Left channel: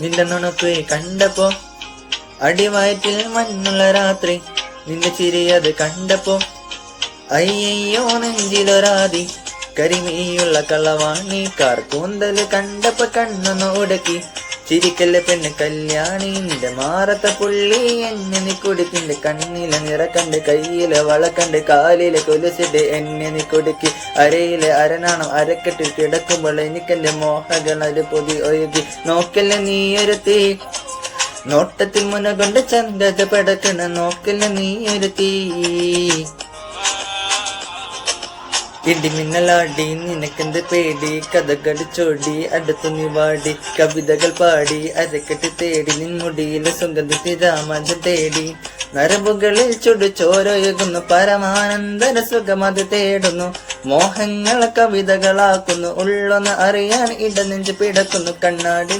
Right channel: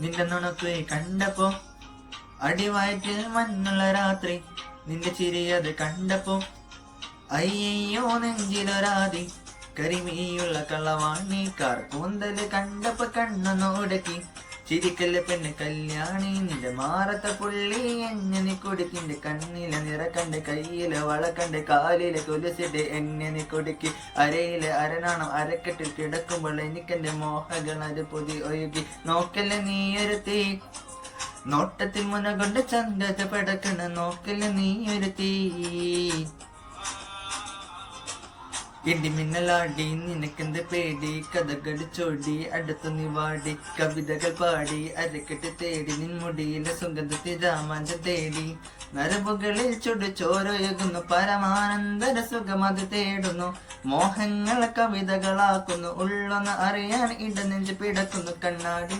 നിന്റെ നുണക്ക് കണ്ടപ്പോ അടിവയറ്റിൽ മഞ്ഞുള്ള രാത്രി, നിന്റെ ചിരിയത് കണ്ടപ്പോ അയ്യോ നെഞ്ചിലൊരാതി, കരിമീയുള്ള കളവാണി കാർക്കൂന്തല് കണ്ടപ്പോ കണ്ണൊന്ന് ഉടക്കി. ചിരിക്കല്ലേ പെണ്ണ് കല്യാണി, നിന്റെ മാറത്തെ പുള്ളി എന്നെ നീ കുടുക്കി. നിന്റെ കണ്ണിലെ നിറക്കണ്ട്, കയ്യിലെ വളക്കണ്ട്, കാലിലെ കൊലുസിട്ട് എന്നെ നീ കുടുക്കി. അരയിലെ അരനാണം അരക്കെട്ടിൽ കിടക്കുമ്പോൾ എനിക്കെന്റെ മോഹങ്ങൾ ഒരു പൊതി ഒഴുകി. നോക്കല്ലേ നീയൊരുത്തി, നോട്ടത്തിൽ മുന കൊണ്ട് ചന്തത പടക്കണ, നോക്കല്ലേ നീയൊരുത്തി. ഇടിമിന്നലാടി നിനക്കെന്ത് പേടി, കഥകളിച്ചോടി അടുത്തു നീ വാടി. കവിതകൾ പാടി അരക്കെട്ട് തേടി, നിൻമുടിയിലെ സുഗന്ധത്തിൽ രാമാജം തേടി. നരമ്പുകളിൽ ചുടുചോരൊഴുകുന്നു, പരമാനന്ദര സുഖമത് തേടുന്നു. മോഹങ്ങളെ കവിതകളാക്കുന്നു, ഉള്ളൊന്ന് അറിയാൻ ഇടനെഞ്ച് പിടക്കുന്നു. കണ്ണാടി